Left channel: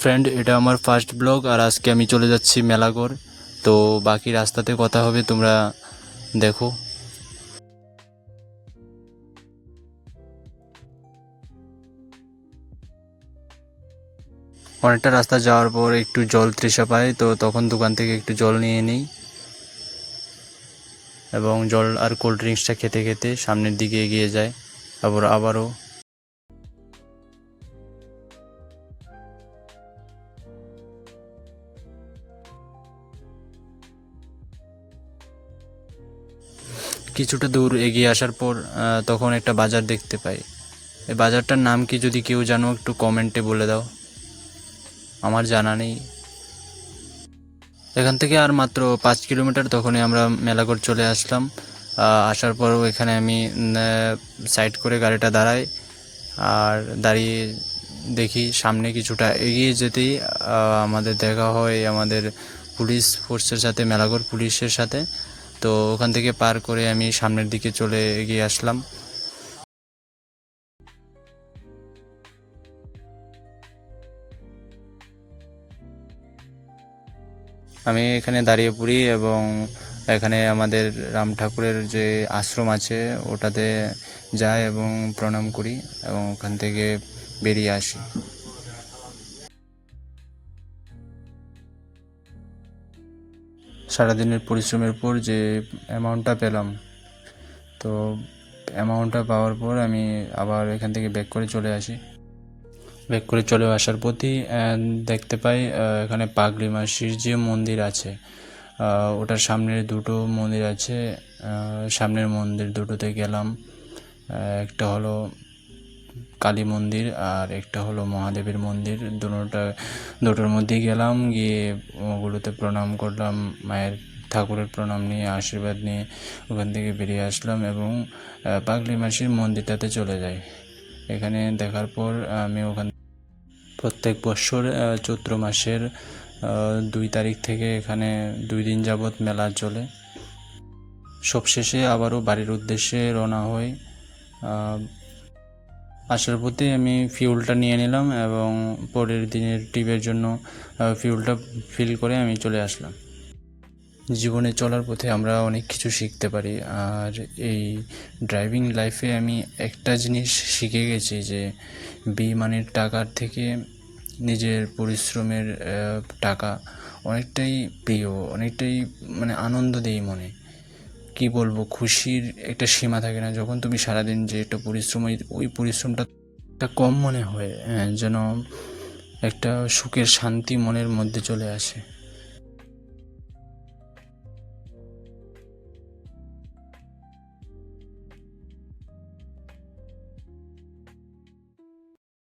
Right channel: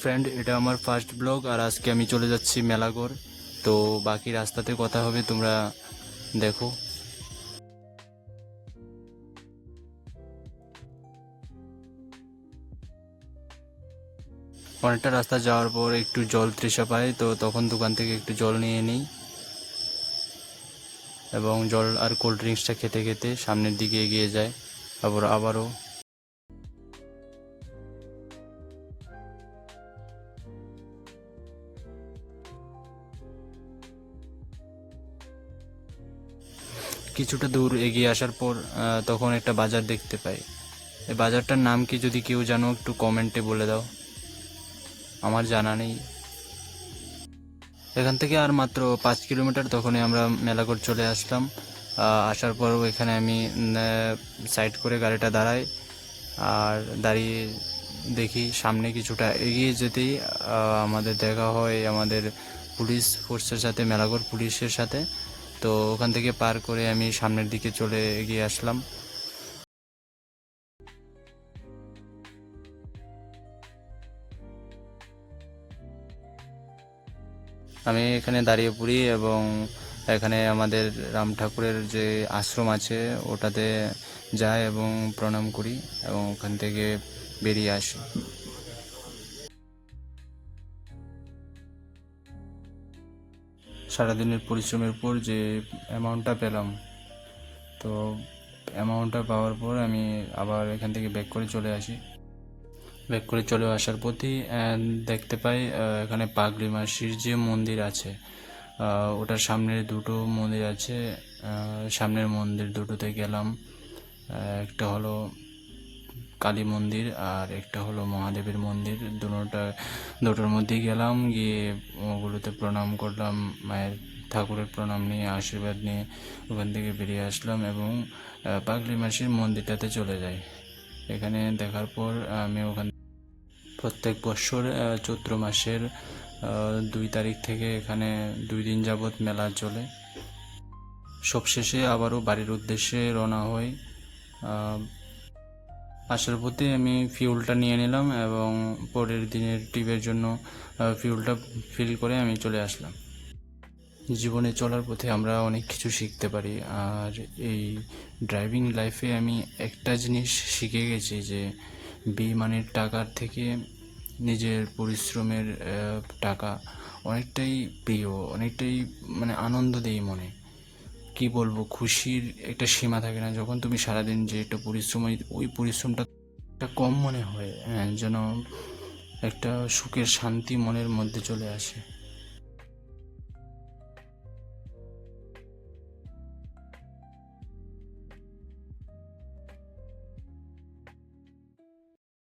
Friend, এটা আমার first blog আর আজকে আমি চলে যাচ্ছি মেলাঘর। তো বাকি রাস্তাতে কথা হবে, তোমরা দেখো। অনেকটা রাস্তা যাওয়ার পর একটু জল তৃষা পাই, তো তখন দোকান থেকে একটু জল নিয়ে নিই এবং জল আর কোল্ড ড্রিঙ্কসটা খেতে খেতে সামনের দিকে এগিয়ে যায়। আবারও কিছুটা দূর এগিয়ে আসার পর তখন একটা বাজার দেখতে পাই। এই বাজারটার নাম কি যদি কেউ জানো একটু কমেন্টে বলে দাও, আমার জানা নেই। এখান থেকে আর মাত্র 5 কিলোমিটার, তখনই আমরা মেলাঘর চলে আসলাম। আসার পরও এখানে আমি সাইড করে গাড়িটা দাঁড়াই আর দাঁড়িয়ে দেখি সামনে কিছুটা এগিয়ে যেতেই আমাদের দেখা হয় আমাদের পুলিশ ফোর্সের সাথে, মেলাঘর পুলিশের সাথে। তো ওখান থেকে পার করে আমি সামনের দিকে চলে এগিয়ে আসলাম। আমি এখানে দাঁড়িয়ে পড়ি এবং এখানে আমাদের রাম ঠাকুরের যে আশ্রম আছে ওটাতে যাই এবং প্রণাম করি এবং ওখান থেকে বেরিয়ে আসি। সারাদিনের পরিশ্রমের পর যে অ্যামাউন্টটা পেলাম, তো অ্যামাউন্টটা পাওয়ার পর আমি আবার এখান থেকে ব্যাক করে চলে আসি। ব্যাক করে চলে আসার পথেই দেখতে পাই এখানে পাগড়ি মাসির যে মন্দির আছে, ওটার সামনে দুটো মন্দির আছে। সামনের মন্দির দুটোতে গেলাম, একটা হলো কালী মন্দির আর একটা হলো মহাদেবের মন্দির। দুটোর মধ্যেই গেলাম, গিয়ে ওগুলোতে প্রণাম করলাম, মায়ের ঠাকুরের প্রণাম নিয়ে আশীর্বাদ নিয়ে ওখান থেকে বেরিয়ে আসলাম এবং পাগলি মাসির মন্দিরটাতে চলে যাই। এখানে দেখার পর আমি প্রত্যেক বছর চৈত্র মাসের 2 তারিখ থেকে এখানে 2 দিন যাবৎ মেলা চলে। সবশেষে আবারও বাড়ির উদ্দেশ্যে রওনা হই। আসার পথে আমি ফিউলটা নিয়ে নিলাম এবং পরের দিনের ট্রিপের জন্য ফিউলটা ফিল করে আমি চলে আসলাম। জীবনে চলার পথে আমরা অনেক কিছু শিখতে পারি, আর এই ড্রাইভিং লাইফে আমি একটা জিনিস শিখে গেছি যে বেইমানের টাকার থেকে নিজের পরিশ্রমের টাকা অনেকটাই প্রিয়, অনেকটাই মানে আনন্দ দেয় মনে। কি বলবো, খুশির একটা সীমা থাকে না যখন তুমি সারাদিন যে একটা পরিশ্রম, ওই পরিশ্রমটা একটা কম মনে হয়, যেন একটা সুখের শান্তি মনের মধ্যে চলে আসে।